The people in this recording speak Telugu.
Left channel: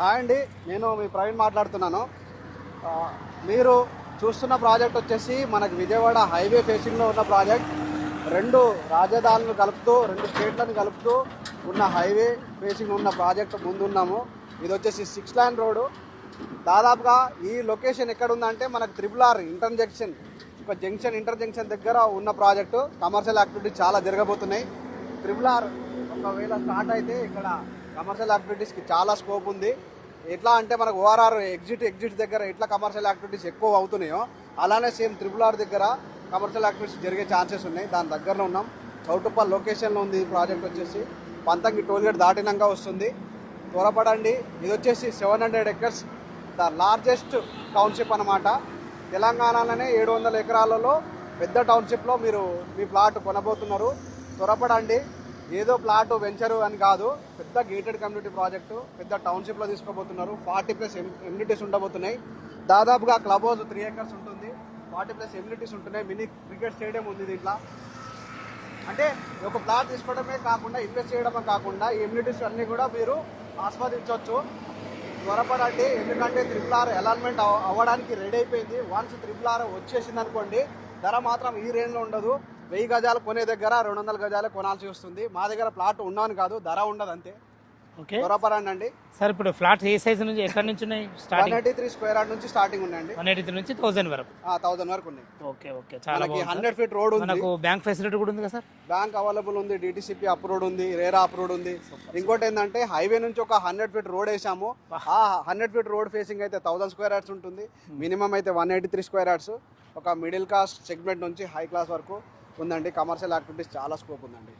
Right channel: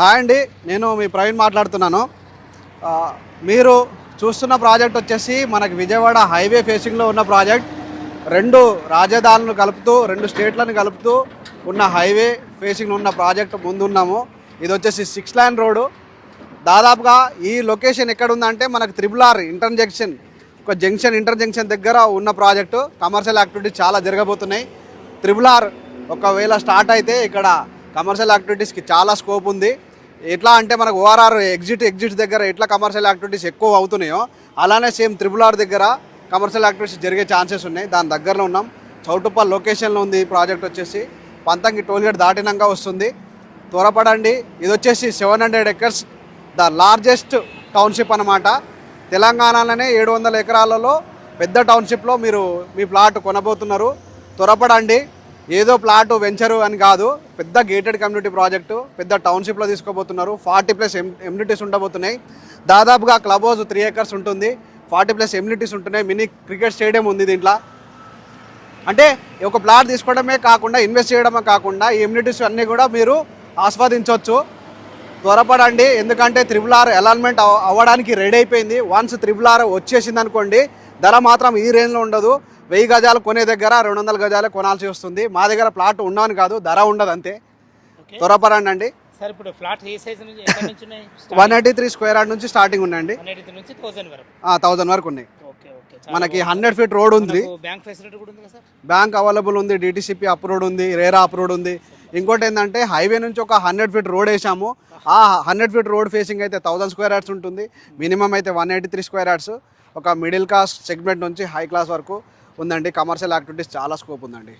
హాయ్ అండి, నేను మీ ప్రవీణ్ మాట్లాడుతున్నాను. ఆ, మీరు చూస్తున్న ప్రాజెక్ట్ వచ్చేసి మనకి విజయవాడ హైవే ఫేసింగ్లో ఉన్న ప్రాజెక్ట్. రెండు రాజధానులను కలుపుతూ, రెండు స్టేట్లను కలుపుతూ ఉన్న హైవే ఫేసింగ్ ఉన్న ప్రాజెక్ట్ ముందున్నాము. ఇది వచ్చేసి 6 లైన్ రోడ్డు. దాదాపుగా ఈ లొకేషన్ ఎక్కడ ఉందంటే మనకు త్రిబుల్ ఇంటర్ జంక్షన్ దగ్గర ఉన్న ప్రాజెక్టు. కమర్షియల్ యాక్టివిటీస్ చాలా జరగబోతున్నాయి. త్రిబుల్ ఒకవేళ స్టార్ట్ అయితే ఇక్కడ కమర్షియల్ యాక్టివిటీస్కి చాలా స్కోప్ ఉంది. ఎట్లా అంటే మనకు ఓఆర్ఆర్ ఎగ్జిట్ దగ్గర ఎట్లా కమర్షియల్ యాక్టివిటీస్ ఎక్కువ అవుతున్నాయో అలానే సేమ్ త్రిబుల్ దగ్గర కమర్షియల్ యాక్టివిటీస్ జరిగే ఛాన్సెస్ ఉన్నాయి. దాని దగ్గరలో ఉన్నాం. చౌటుప్పల్ లొకేషన్లో ఉంది ప్రాజెక్ట్ వచ్చేసి. పంతంగి టోల్గేట్ దాటినాక వస్తుంది. త్వరపడండి. ఇది వచ్చేసి 700 acres, ద లార్జెస్ట్ టౌన్షిప్ అన్నమాట. తెలంగాణలోనే 700 ఎకరాలలో పెద్ద టౌన్షిప్లో మీరు మీ ప్లాట్ కొనబోతున్నారు. త్వరపడండి. ఏదో ప్లాట్ వెంచరు అని కాదు, పెద్ద గేటెడ్ కమ్యూనిటీ ప్రాజెక్టు, పెద్ద టౌన్షిప్లో తీసుకోబోతున్నారు. 40+ ఎమ్యూనిటీస్ ఉండబోతున్నాయి. దాదాపుగా క్లబ్ హౌస్ 3 acres ఉంటుంది. 40+ ఎమ్యూనిటీస్ ఉంటున్నాయి. మినీ క్రికెట్ స్టేడియం ఉంది దీంట్లో. అంటే ఒక ప్లాట్ తీసుకోవడమే కాకుండా, ఇన్వెస్ట్ చేయడమే కాకుండా ఈ ఎమ్యూనిటీస్ అన్నీ కూడా మీరు ఆస్వాదించవచ్చు. త్వరపడండి. ఎందుకంటే త్రిబుల్ అలాట్మెంట్ అవ్వడానికి రెడీ అయిపోయింది. వన్స్ త్రిబుల్ వచ్చేసింది అనుకోండి, ధర మాత్రం ఈ రేంజ్లో ఉండదు. 1000 గజాలు కొనే దగ్గర 200 గజాలే కొనాల్సి వస్తుంది. మా దగ్గర ప్లాట్ ఉండవని కాదు, ధర ఉండదు అంతే. త్వరపడండి అండి. సార్ ఇప్పుడు ఫ్లాట్ ఏ సైజ్ నుంచి ఎక్కడి నుంచి ఉన్నాయి? 183 స్క్వేర్ యార్డ్ నుంచి స్టార్టింగ్ ఉన్నాయండి. 183 నుంచి 1000 వరకు. 1000 వరకు ఉన్నాయి. Okay okay. మనకి 100 feet రోడ్ ఉంది. బ్యాంక్ ఫెసిలిటీ కూడా ఉంది కదా సార్? బ్యాంక్ అవైలబుల్ ఉంది, డిటిసిపి అప్రూవ్డ్ ఉంది, రేరా అప్రూవ్డ్ ఉంది. ఇంకోటి ఏంటంటే హైవే నుంచి ఒక 100 feet రోడ్ వేసాము. ఆ 100 feet రోడ్ ఫేసింగ్ అయితే 1000 స్క్వేర్ యార్డ్స్ ఉంటుంది. మినిమం అయితే 183 స్క్వేర్ యార్డ్స్. ఒక మిడిల్ క్లాస్ సెగ్మెంట్ నుంచి హై క్లాస్ వరకు ఉందండి. కమర్షియల్ యాక్టివిటీస్ చాలా స్కోప్ ఉందండి.